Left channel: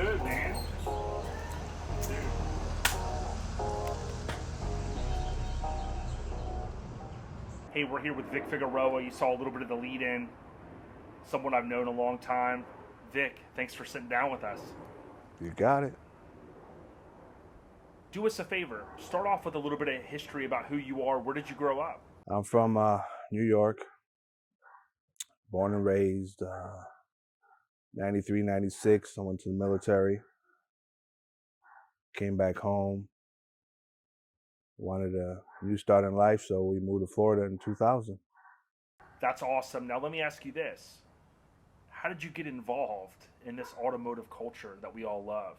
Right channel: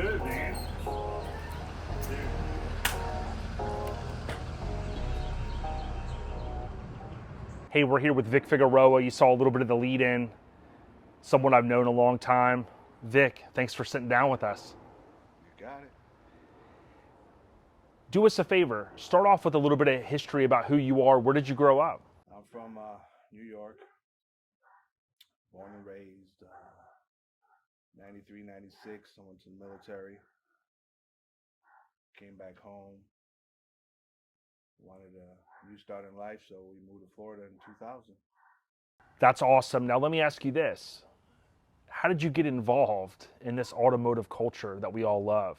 good, man? Dude. Hey, we're here with Vic Figueroa. You saw a little bit of the lead in, someone I've known a long time. Vic, thanks for sitting down with us. You got it. Do us a favor. Start off with a little bit of history about who you are. Where did you grow up? I'm from New York, born and raised, 93, 96. I went to the military, came back home, wanted a new start in life, so we moved to Florida in 2000. That's awesome. Now, let me ask you this. How did you get involved in this automotive culture that we all love?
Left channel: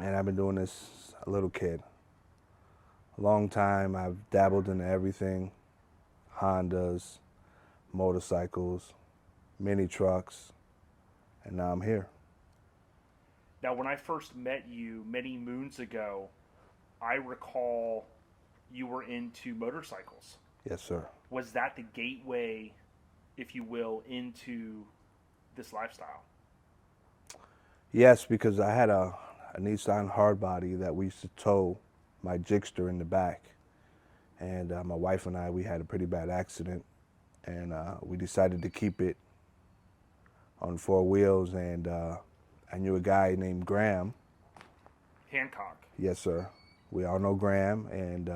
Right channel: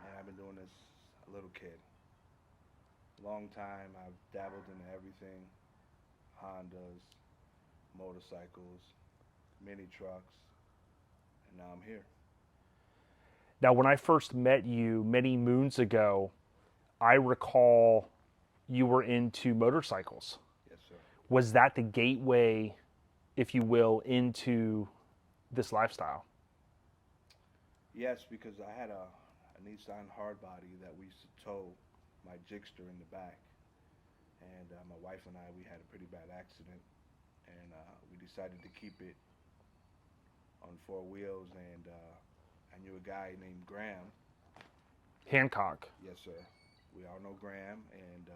And I've been doing this a little kid. A long time. I've dabbled in everything, Hondas, motorcycles, mini trucks, and now I'm here. Now, when I first met you many moons ago, I recall you were into motorcycles. Yes, sir. Was that the gateway, if you will, into this lifestyle? Yes, because I had a Nissan Hardbody that we used to tow my Jigster in the back. And my wife and I, we had a pretty bad accident. And we decided to keep it on four wheels. And I knew a guy named Graham. Hancock. Yes, sir. We all know Graham. And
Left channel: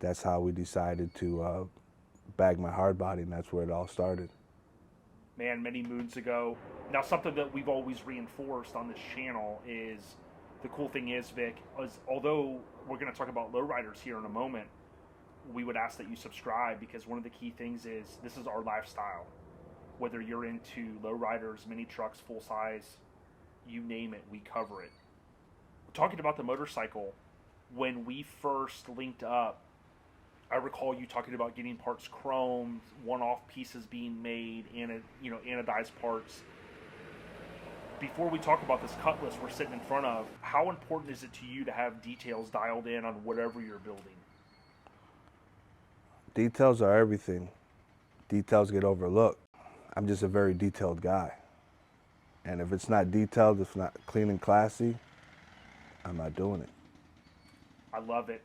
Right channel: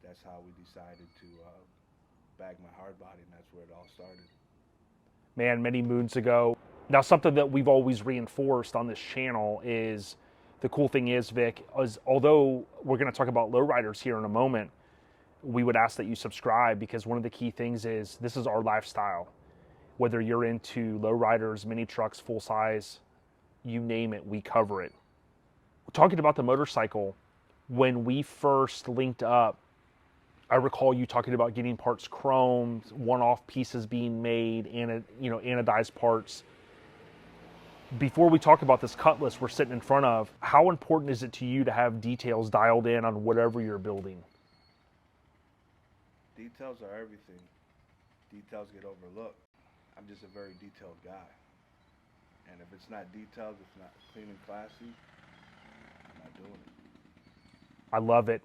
that's how we decided to bag my Hardbody. And that's where it all started. Man, many moons ago. Now, something that we've always reinforced on this channel is, the cool thing is, Vic, is although we're going to talk about lowriders here in a moment, we would ask that you subscribe, because one of the key things is this is our lifestyle. Whether you're into lowriders, mini trucks, full size, you name it, we cover it. Talking about the motorcycle, when we first linked up, I recall you talking about getting parts chromed, one-off pieces being made, anodized parts. Before we talk about this Cutlass we're sitting in front of, how important is it to you to have details dialed in on whatever you're building? Details are everything. Details get overlooked. I'm just a very detailed guy. And if it's not detailed, if it's not clean and classy, I'm not doing it. I love it.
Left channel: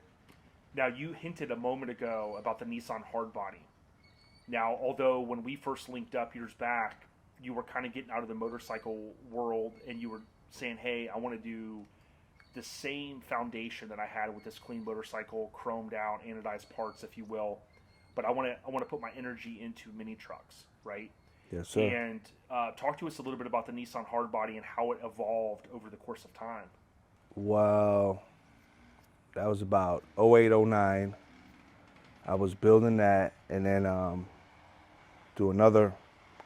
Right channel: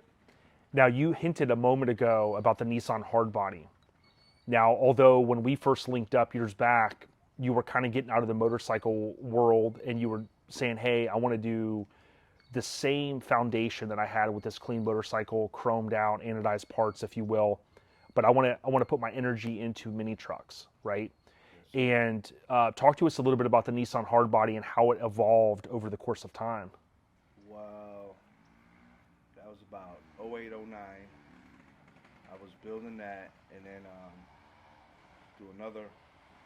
Now, you hinted a moment ago about the Nissan Hardbody. Now, although when we first linked up years back, you were kind of getting out of the motorcycle world and you were saying, hey, I want to do the same foundation that I had with this clean motorcycle, chromed out, anodized parts, if you will, but I want to put my energy into mini trucks, right? Yes, sir. And talk to us a little bit about the Nissan Hardbody and how it evolved over the course of time. Well, that was about 08, 09. I was building that, and then to another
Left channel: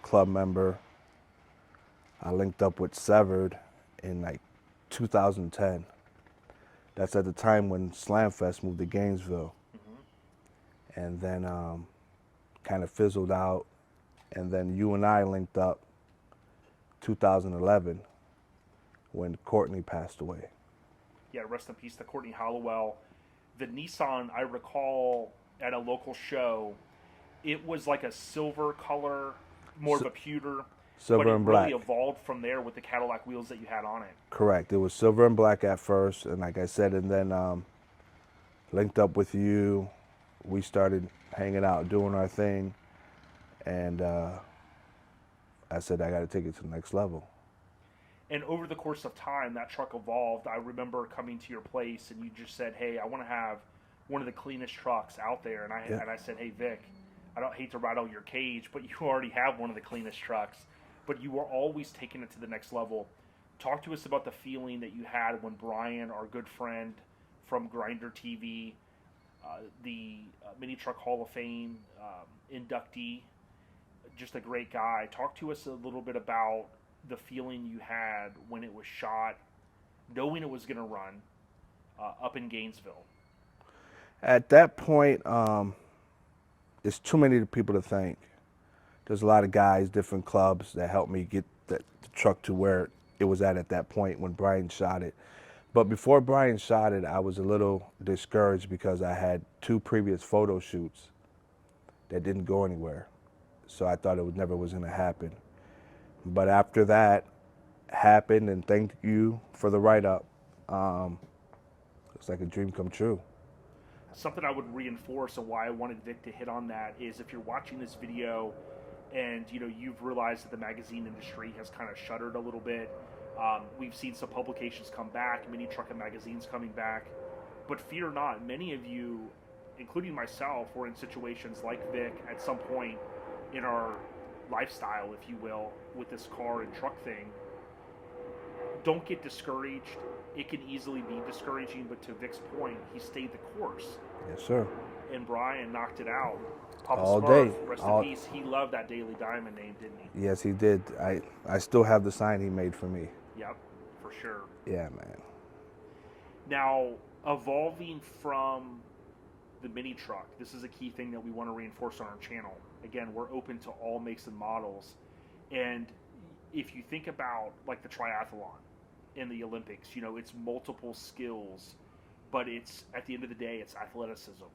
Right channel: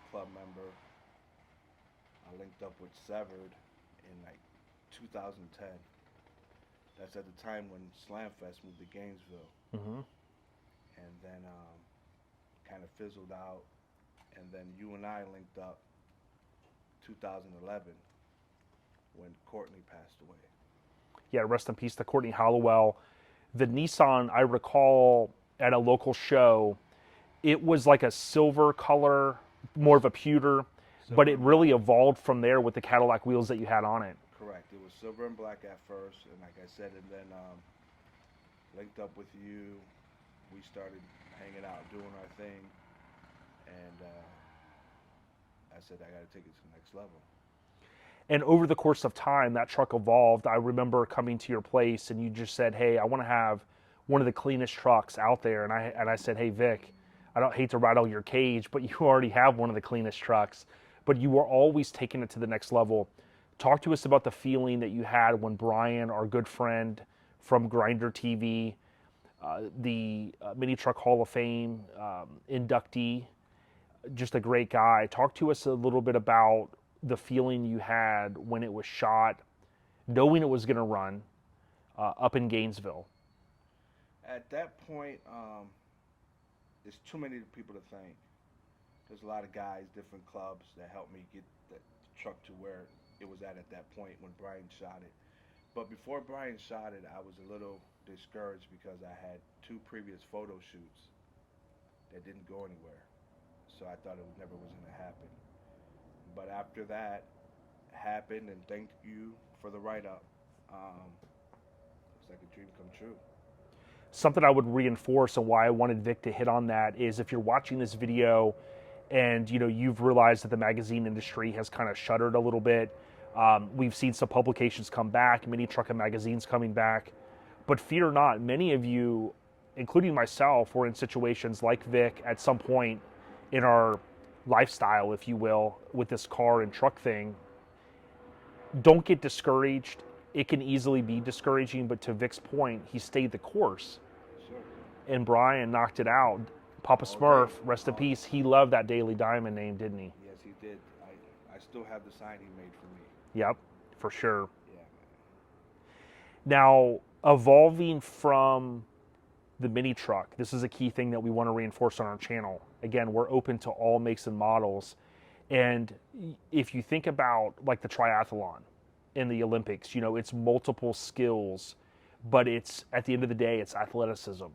club member, I linked up with Severed in like 2010. That's at the time when Slamfest moved to Gainesville. Mm-hmm. And then kind of fizzled out. And then you and I linked up 2011 when Courtney passed away. Yeah, rest in peace to Courtney Hollowell. The Nissan, I recall at a local show, it was like a silver color, more of a pewter, but it really evolved from there with the Cadillac wheels that you had on it. Correct. It was silver and black at first, and like I said, and then linked up with you. We started hanging out, doing our thing, and I said, I got to take it to the next level. And over the course of time, that truck evolved. I remember coming to your place, and you just said, hey, I want to have one of the cleanest trucks out there. And I said, hey, Vic, I don't hate to rattle your cage, but you already have one of the cleanest trucks. But you were always taking it to the next level. Talk to us about the feeling that you had when Brian, our good friend from Grinder TV, the Mini Truck Hall of Fame inductee, just a great guy. Talk to us a little bit about the feeling you had when it was shot, knowing it was going to run up in Gainesville. At that point, there's too many people to thank. There's a lot of guys, different clubs that helped me get the truck to where it was at that point when Brian shot it. But before Brian shot it, I was a little discouraged because I had 2 previous photo shoots that didn't go anywhere. So I thought it never was going to happen. But after that, happened, and thank you for the write-up. It's like a dream come true. Something I would reinforce and why I wanted Vic to hit on that is if you're watching this video and you've realized that the magazine industry has kind of shuttered a little bit. We've seen some publications come back, many Truckin magazines coming back, but fear not, many of you, including myself, were in situations like Vic at some point in our lifestyle, if you will, with this car and truck thing. Don't get discouraged. It can easily be discouraging, but to Vic's point, he stayed the course. Yes, sir. And Brian knocked it out. Papa All Smurf, day. rest in peace. He loved that Daily Diamond name, didn't he? Yes, he did. I still have the sign he made for me. Yep, for sure. Yeah, man. Now, evolving from the mini truck, this is a key thing that we want to reinforce on our channel. Again, we're open to all makes and models. And if you think about like the triathlon in the Olympics, it's multiple skills, but it's at the end of the day, it's athleticism.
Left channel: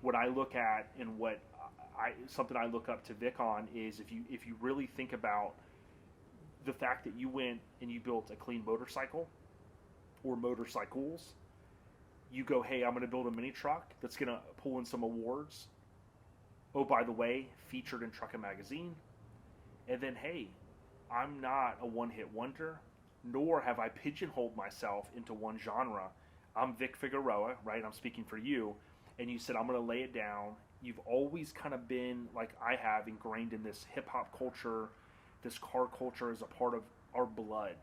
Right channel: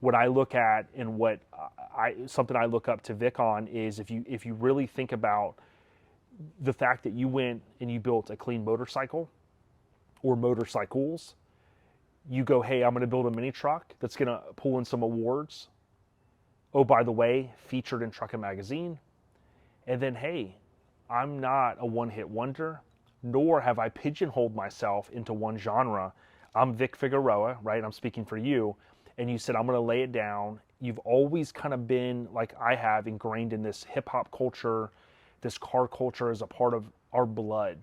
What I look at and something I look up to Vic on is if you really think about the fact that you went and you built a clean motorcycle or motorcycles, you go, hey, I'm going to build a mini truck that's going to pull in some awards. Oh, by the way, featured in Truckin magazine. And then, hey, I'm not a one-hit wonder, nor have I pigeonholed myself into one genre. I'm Vic Figueroa, right? I'm speaking for you. And you said, I'm going to lay it down. You've always kind of been, like I have, ingrained in this hip-hop culture, this car culture as a part of our blood.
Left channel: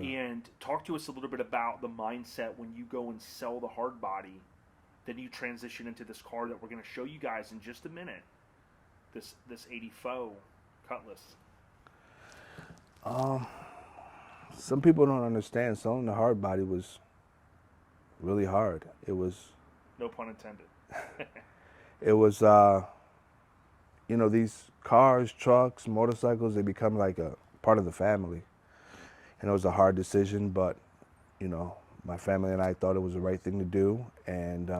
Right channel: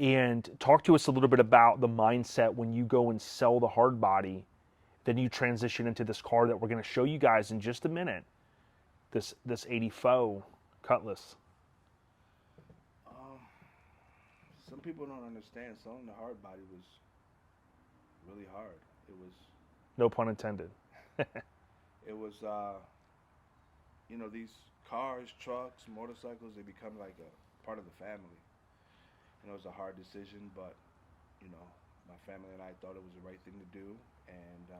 And talk to us a little bit about the mindset when you go and sell the Hardbody, then you transition into this car that we're going to show you guys in just a minute, this 84 Cutlass. Some people don't understand selling the Hardbody was really hard. It was... No pun intended. It was, these cars, trucks, motorcycles, they become like a part of the family. And it was a hard decision, but, my family and I thought it was the right thing to do. And